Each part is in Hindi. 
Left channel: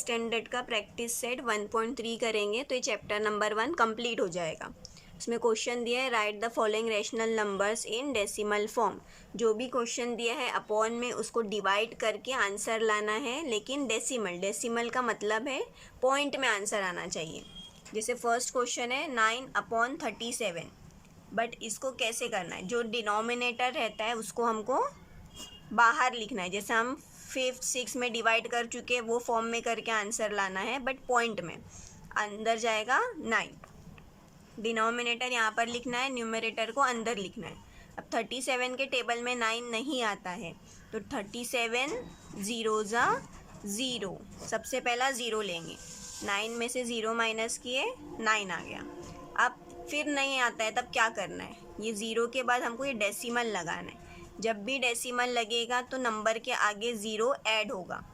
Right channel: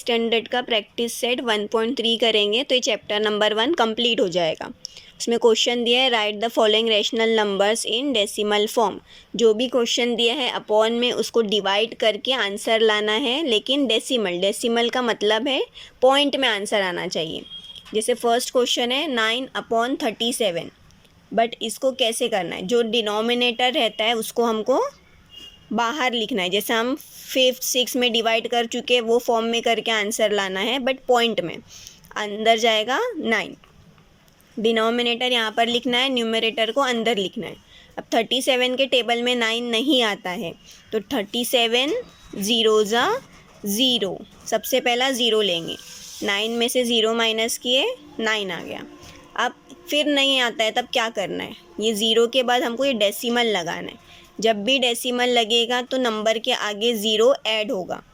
स्टैंडर्ड का प्रैक्टिस सेट 1.3 करेंगे तो ये चैप्टर नंबर 1 कंप्लीट हो जाएगा। उसमें क्वेश्चन दिया है right the following rational numbers in decimal form. जो भी क्वेश्चन दिया है अपॉन में उसको डिवाइड करके आंसर लाना है, लेकिन डेसिमल का मतलब है पॉइंट में आंसर आना चाहिए। जैसे फर्स्ट क्वेश्चन है 9/37, बट इसको कैसे करना है, जो डिनोमिनेटर रहता है उसको हमको बाहर लिखना है। जैसे हम 5th 6 में डिवाइड कर चुके वो फॉर्म में करके आंसर लाना है, बट पॉइंट में अंदर जाएगा 9। डिनोमिनेटर यहाँ पर लिखना है, न्यूमरेटर को अंदर लिखना है। अब 37 के टेबल में 9 नहीं आता है तो 37 0 ज़ा 0, सबसे पहला 0 लेंगे। 9 में से 0 माइनस किए 9 आ गया। अब फिर नहीं आता है तब क्या करना है, ये 0 के बाद हमको ये डेसिमल लगाना है। जब भी डेसिमल लगेगा तो नंबर के आगे 0 ऐड होगा।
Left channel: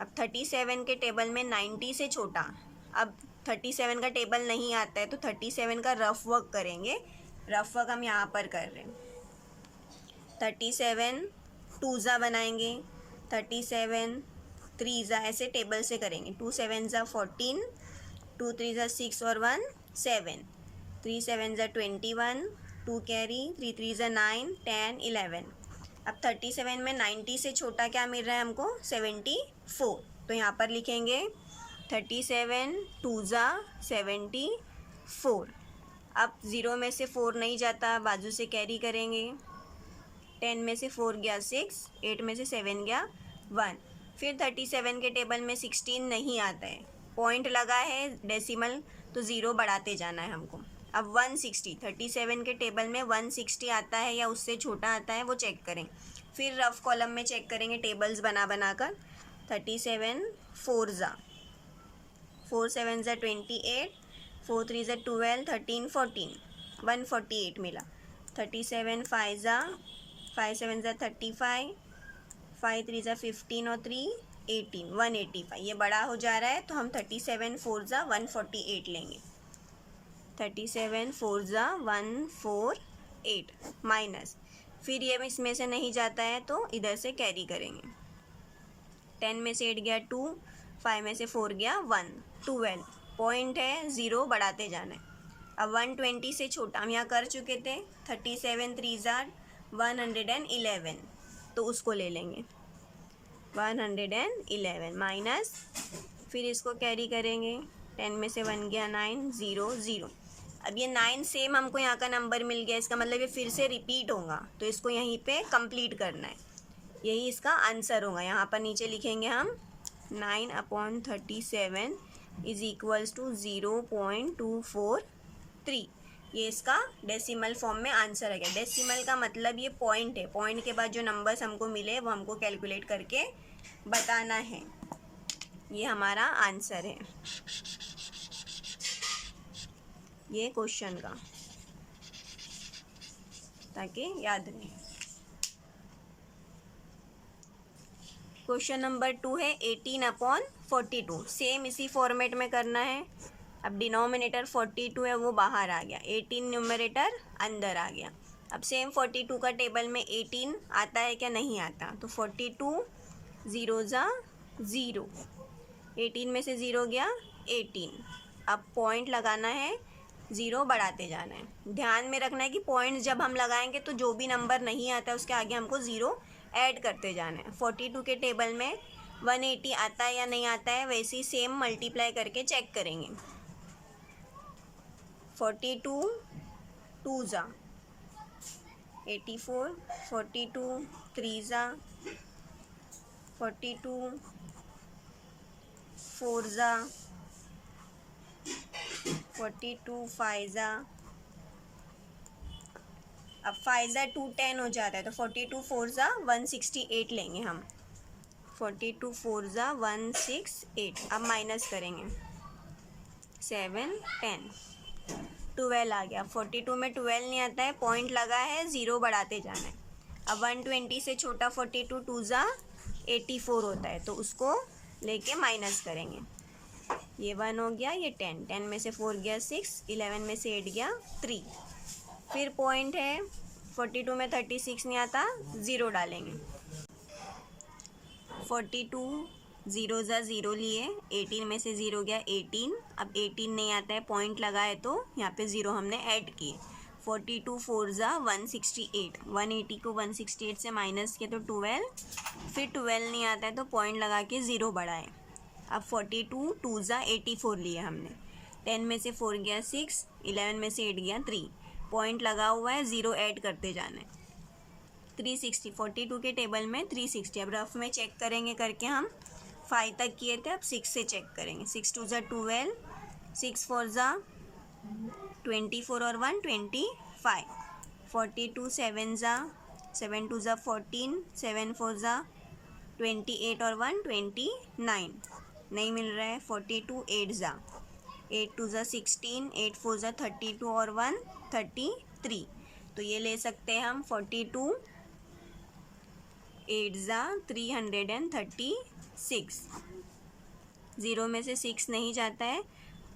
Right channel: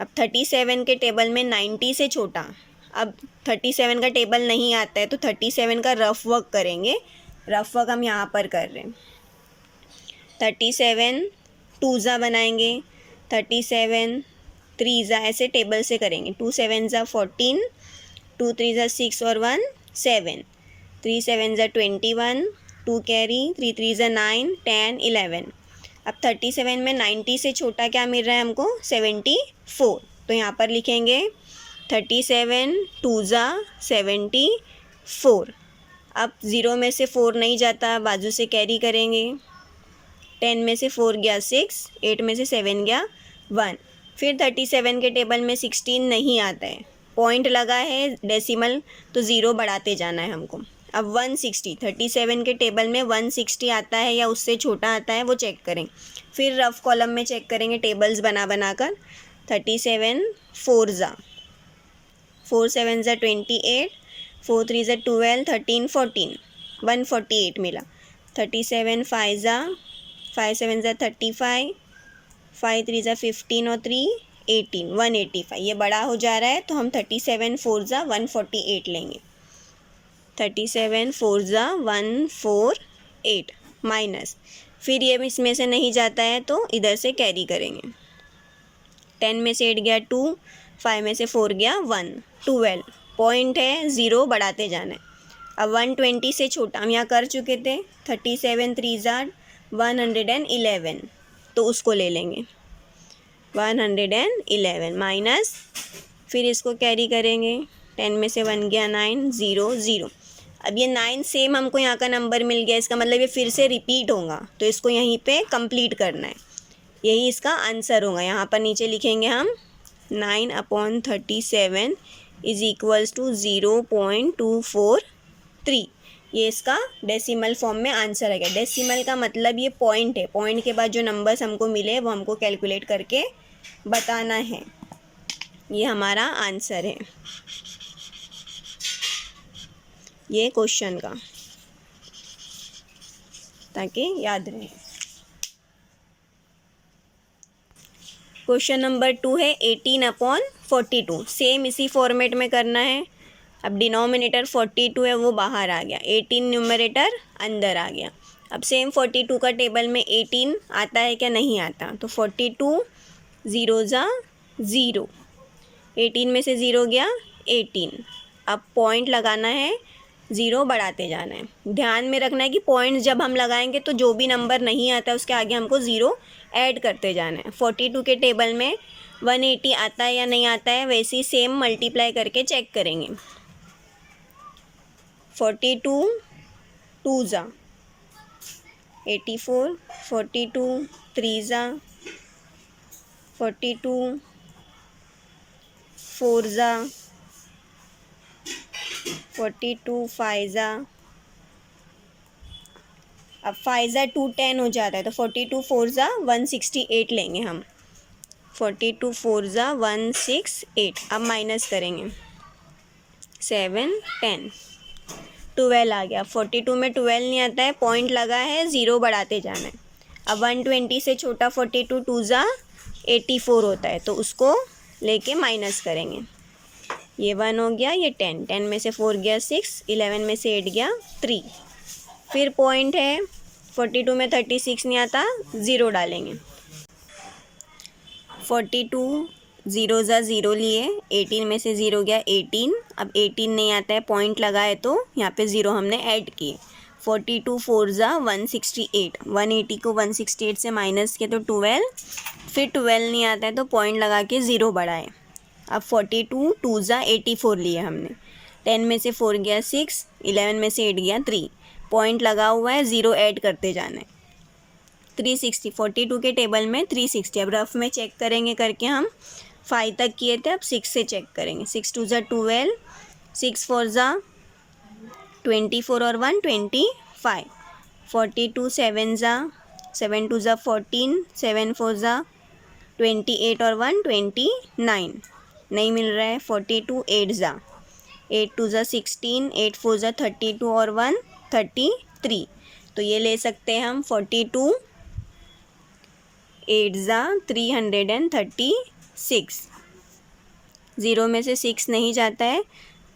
अब 37 के टेबल में 90 से छोटा, अब 37 का टेबल नहीं आता है तो 37 का रफ वर्क करेंगे। रफ वर्क हम यहाँ पर कर रहे हैं। 37 2 ज़ा बनाएंगे, 37 3 ज़ा, ऐसे टेबल से करेंगे। 2 7 ज़ा 14, 2 3 ज़ा 6 और 1 7, 3 7 ज़ा 21, 2 कैरी, 3 3 ज़ा 9 10 11। अब 37 में 90 से छोटा क्या मिल रहा है हमको, 74। तो यहाँ पर लिखेंगे 37 2 ज़ा 74। अब 0 में से 4 नहीं जाता, बाजू से कैरी करेंगे। 10 में से 4 गया 6, 8 में से 7 गया 1। फिर 37 के टेबल में 16 नहीं आता है, पॉइंट लगा है डेसिमल तो 0 बढ़ाते जाना है हमको। अब 160, 37 के टेबल में 160 आता है या उससे छोटा आता है वो चेक करें। फिर रफ कॉलम में चेक करेंगे टेबल्स बना कर। 37 4 ज़ा, 4 7 ज़ा 28, 4 3 ज़ा 12, 13 14, 148 मिला। 37 5 ज़ा, 5 7 ज़ा 35, 5 3 ज़ा 15 और 3 18, 185। ये बड़ा हो जा रहा है तो हम 37 4 ज़ा 148 लेंगे। 37 4 ज़ा 148 माइनस, फिर ये इसमें से नहीं जाता है तो इधर से कैरी करेंगे। 10 में से 8 गया 2, 5 में से 4 गया 1, 12। पॉइंट है 0 बढ़ाते जाना है। अब 120 से छोटा हम यहाँ कर चुके थे। 37 3 ज़ा 111, तो उसको ले लेंगे 111 माइनस, फिर इसको कैरी करेंगे। 10 में से 1 गया 9 0 0। अब ये 9 सेम हमको यहाँ का नंबर मिल गया, इसका मतलब ये फिर से रिपीट होगा तो इसको यहीं पे कंप्लीट करना है। यही इसका आंसर होगा। यहाँ पर नीचे लिखेंगे हम 9/37 इज इक्वल्स टू 0.243। ये इसका डेसिमल फॉर्म में आंसर आ गया। डेसिमल का मतलब ये पॉइंट है, पॉइंट के बाद जो नंबर्स हमको मिले वो हमको कैलकुलेट करके बताना है। ये हमारा आंसर है ये क्वेश्चन का, ताकि याद रहे। क्वेश्चन नंबर 2 है 18/42। सेम इसी फॉर्मेट में करना है। अब डिनोमिनेटर 42 है वो बाहर आ गया, 18 न्यूमरेटर अंदर आ गया। अब सेम 42 का टेबल में 18 आता है क्या, नहीं आता, तो 42 0 ज़ा 0, 18 में से 0 गया 18। अब पॉइंट लगाना है, 0 बढ़ाते जाना है। ध्यान में रखना है कि पॉइंट जब हम लगाएंगे तो जो भी नंबर नहीं आता है उसके आगे हमको 0 ऐड करते जाना है। 42 के टेबल में 180 आता है या नहीं आता है, वैसे ही सेम मल्टीप्लाई करके चेक करेंगे। 42 2 ज़ा 84, 42 3 ज़ा 42, 4 ज़ा 42, 5 ज़ा, अब 5 ज़ा 2 10 हो जाता है तो 42 4 ज़ा 168 लेंगे हम। 42 4 ज़ा 168। अब माइनस करेंगे 7 10, 12 आ गया। 42 में 12 नहीं आता है, पॉइंट लगा है, 0 बढ़ाते जाना है। अब 120 से छोटा 42 2 ज़ा 84 होता है तो उसको लेके माइनस करेंगे। ये 1 हो गया, ये 10, 10 में से 4 गया 6, 11 में से 8 गया 3। फिर पॉइंट है 42 में 36 नहीं आता, 0 डालेंगे। 42 ज़ीरो ज़ा ज़ीरो लिए, 18 में से ज़ीरो गया 18। अब 18 नहीं आता है, पॉइंट लगाए तो यहाँ पे ज़ीरो हमने ऐड किए। 42 4 ज़ा 168, 180 को 168 से माइनस किए तो 12, फिर 12 नहीं आता है तो पॉइंट लगा के ज़ीरो बढ़ाए। अब 42 2 ज़ा 84 लिए हमने, 10 में से 4 गया 6, 11 में से 8 गया 3, पॉइंट लगा हुआ है, ज़ीरो ऐड करते जाना है। 360, 42 के टेबल में 360। अब रफ में चेक करेंगे करके, हम 5 तक किए थे, अब 6 से चेक करेंगे। 6 2 ज़ा 12, 6 4 ज़ा 24 और 1 25, 42 7 ज़ा 7 2 ज़ा 14, 7 4 ज़ा 28 और 1 29, नहीं मिल रहा है। 42 8 ज़ा 8 2 ज़ा 16, 8 4 ज़ा 32 और 1 33, तो ये ले सकते हैं हम 42 8 ज़ा 336। ज़ीरो में से 6 नहीं जाता है,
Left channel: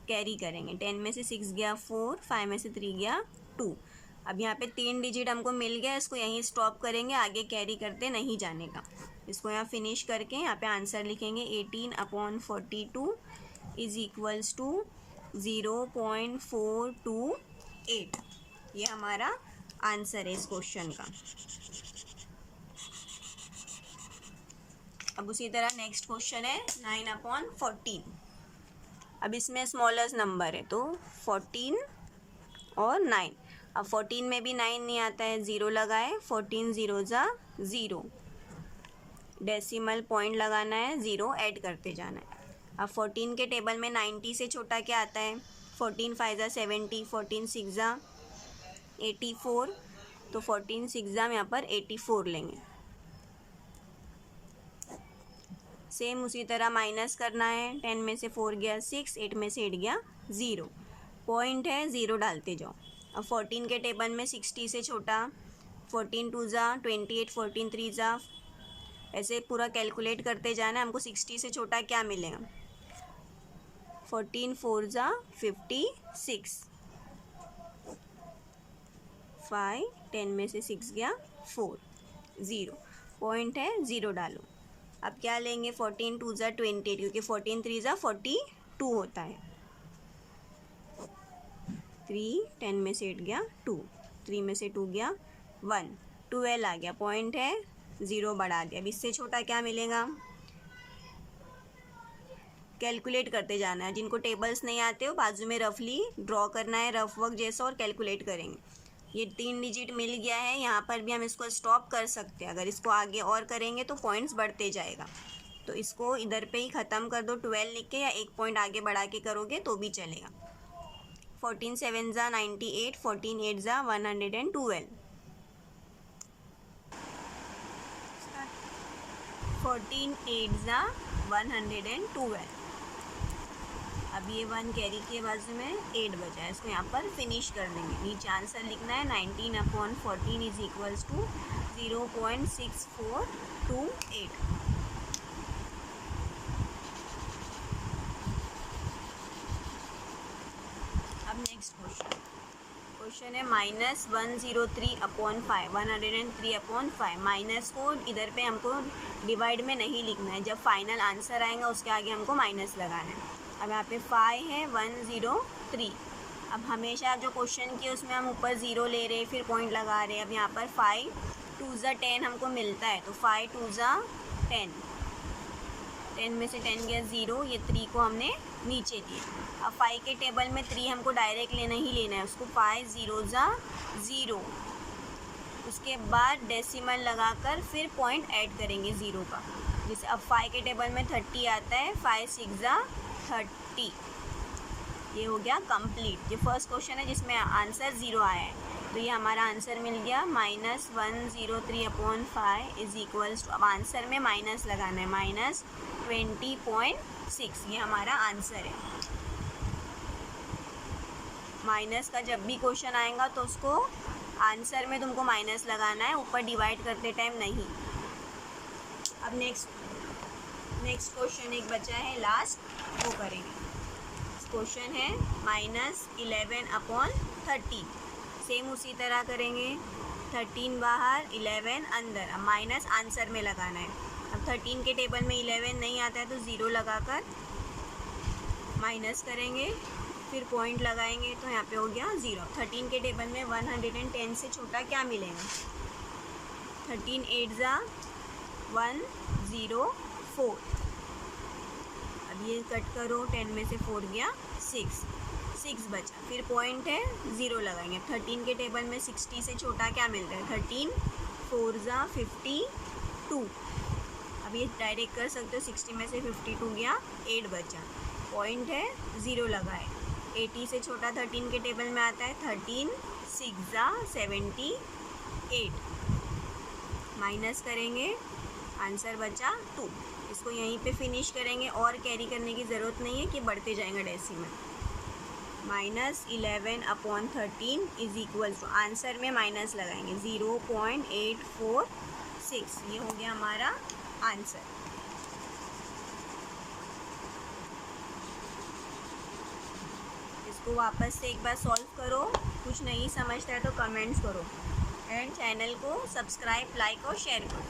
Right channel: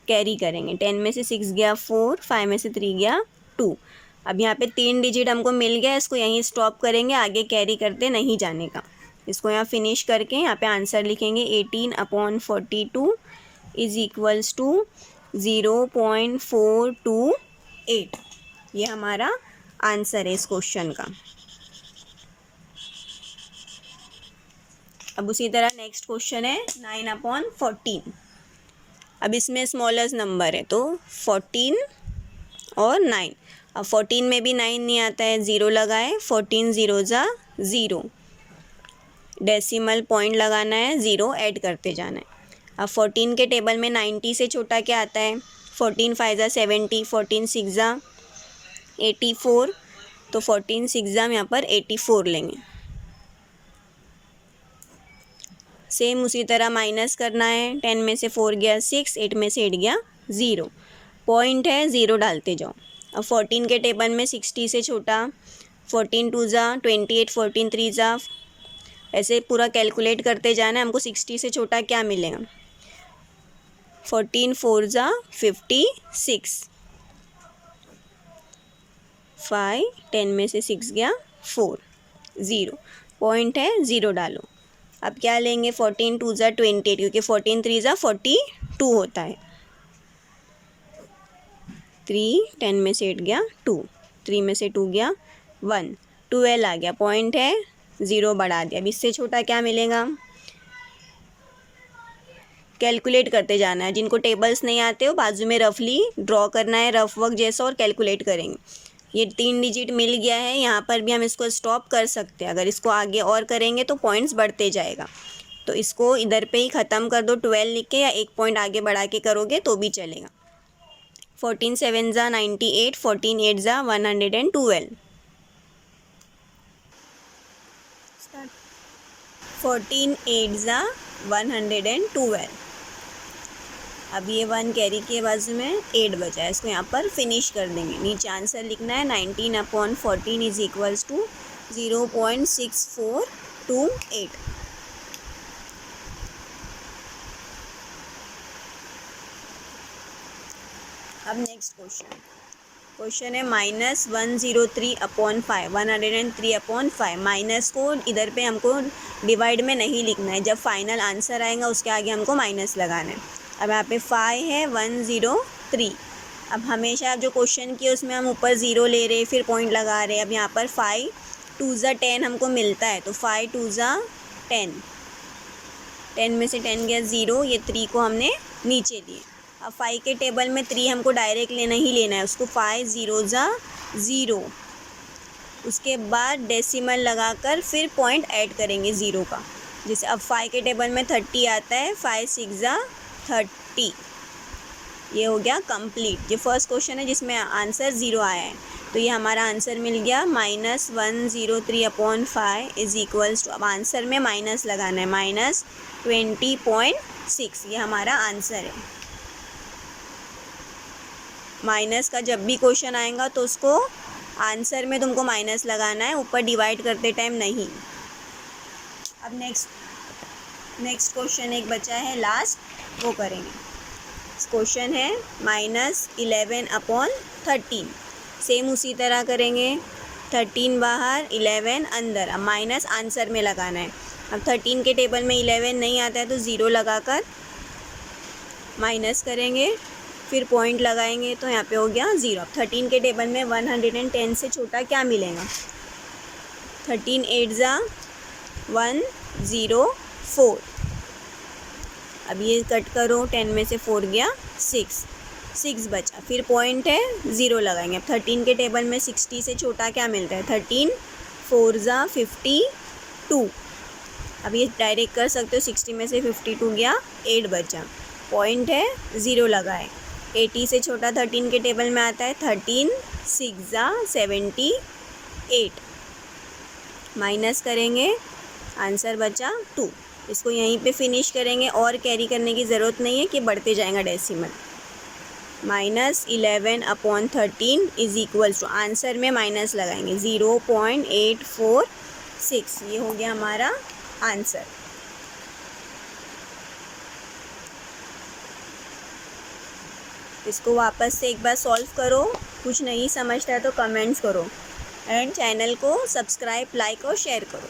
कैरी करेंगे। 10 में से 6 गया 4, 5 में से 3 गया 2। अब यहाँ पे 3 डिजिट हमको मिल गया, इसको यहीं स्टॉप करेंगे, आगे कैरी करते नहीं जाने का। इसको यहाँ फिनिश करके यहाँ पे आंसर लिखेंगे 18/42 इज़ इक्वल्स टू 0.428। ये हमारा आंसर है इस क्वेश्चन का। अब उसी तरह नेक्स्ट क्वेश्चन है 9/14। अब इसमें स्मॉलेस्ट नंबर है तो 14 और 9। अब 14 में भी 9 नहीं आता है, ज़ीरो लगाए, 14 0 ज़ा 0, डेसिमल पॉइंट लगाना है, ज़ीरो ऐड करते जाना है। अब 14 के टेबल में 90 से छोटा क्या आता है? 14 5 ज़ा 70, 14 6 ज़ा 84, तो 14 6 ज़ा हम यहाँ पर 84 लेंगे। सेम उसी तरह माइनस करना है, 10 में से 4 गया 6, 8 में से 8 गया 0, पॉइंट है, ज़ीरो डालते जाओ। अब 14 के टेबल में 60 से छोटा, 14 2 ज़ा 28, 14 3 ज़ा, ऐसे पूरा कैलकुलेट करते जाना है। हमको 60 से छोटा क्या मिलेगा? 14 4 ज़ा 56, 5, 10 में से 6 गया 4, 0, पॉइंट है, ज़ीरो डालो। अब क्या लेंगे? 14 2 ज़ा 28, क्योंकि 14 3 ज़ा 42 होता है। 3, 10 में से 8 गया 2, 3 में से 2 गया 1, 12 आ गया, पॉइंट है, ज़ीरो बढ़ा दिया। अब इससे छोटा क्या मिलेगा? कैलकुलेट करते जाना है। जिनको टेबल्स नहीं आते हो बाजू में रफली ड्रॉ करना है, रफ वर्क जैसा, और कैलकुलेट करेंगे। ये 3 डिजिट मिल गया है, यहाँ पर भी हम इसको स्टॉप कर सकते हैं। अगर इसको आगे और करेंगे तो पॉइंट्स बढ़ते जाएगा, तो इसको इधर पे ही ख़त्म कर दो 12 लिख के, या एक पॉइंट आगे बढ़ा के करोगे तो भी चलेगा। 14 7 ज़ा 98, 14 8 ज़ा 112, 14 8 ज़ा 112। अब ये 1 कैरी के बाजू में 8 बचा है, इसको यहाँ पर फिनिश कर देंगे। नीचे आंसर लिखना है 19/14 इज इक्वल्स टू 0.6428। अब नेक्स्ट क्वेश्चन है -103/5, 103/5। माइनस को इधर पे हमको डिवाइड में नहीं लिखना है, जब फाइनल आंसर आएगा उसके आगे हमको माइनस लगाना है। अब यहाँ पे 5 है, 103। अब हमेशा जो क्वेश्चन किए उसमें हम ऊपर ज़ीरो ले रहे, फिर पॉइंट लगा रहे। अब यहाँ पर 5 2 ज़ा 10 हमको मिलता है, तो 5 2 ज़ा 10, 10 में से 10 गया 0, ये 3 को हमने नीचे लिया। अब 5 के टेबल में 3 हमको डायरेक्ट लेना ही लेना है, उसको 5 0 ज़ा 0, उसके बाद डेसिमल लगाकर फिर पॉइंट ऐड करेंगे ज़ीरो का। जैसे अब 5 के टेबल में 30 आता है, 5 6 ज़ा 30, ये हो गया कंप्लीट। ये फर्स्ट क्वेश्चन है जिसमें आंसर 0 आया है, तो ये हमारा आंसर मिल गया -103/5 इज इक्वल्स टू, अब आंसर में माइनस लगाना है, -20.6, ये हमारा आंसर है। माइनस का जब भी क्वेश्चन आएगा तो उसको आंसर में तुमको माइनस लगाना है, ऊपर डिवाइड करते टाइम नहीं। अब नेक्स्ट क्वेश्चन एक बचा है लास्ट, वो करेंगे। क्वेश्चन है -11/13, सेम उसी तरह करेंगे, 13 बाहर 11 अंदर। अब माइनस आंसर में लगाना है। अब 13 के टेबल में 11 नहीं आता है तो ज़ीरो लगाकर माइनस करेंगे, फिर पॉइंट लगाएंगे तो यहाँ पे हो गया ज़ीरो। अब 13 के टेबल में 110 से छोटा क्या मिलेगा? 13 8 ज़ा 104। अब ये कट करो, 10 में से 4 गया 6 बचा, फिर पॉइंट है ज़ीरो लगाएंगे। अब 13 के टेबल में 60 से छोटा क्या मिल रहा है? 13 4 ज़ा 52। अब ये डायरेक्ट कर सकते हो, 60 में से 52 गया 8 बचा, पॉइंट है ज़ीरो लगाए। 80 से छोटा 13 के टेबल में आता है 13 6 ज़ा 78, माइनस करेंगे, आंसर बचा 2। इसको यहीं पे फिनिश करेंगे और कैरी करने की ज़रूरत नहीं है कि बढ़ते जाएगा decimal. -11/13 is equals to, answer में माइनस लगाएंगे 0.846। ये हो गया हमारा आंसर। इसको वापस से एक बार सॉल्व करो, कुछ नहीं समझता है तो कमेंट्स करो एंड चैनल को सब्सक्राइब, लाइक और शेयर करो।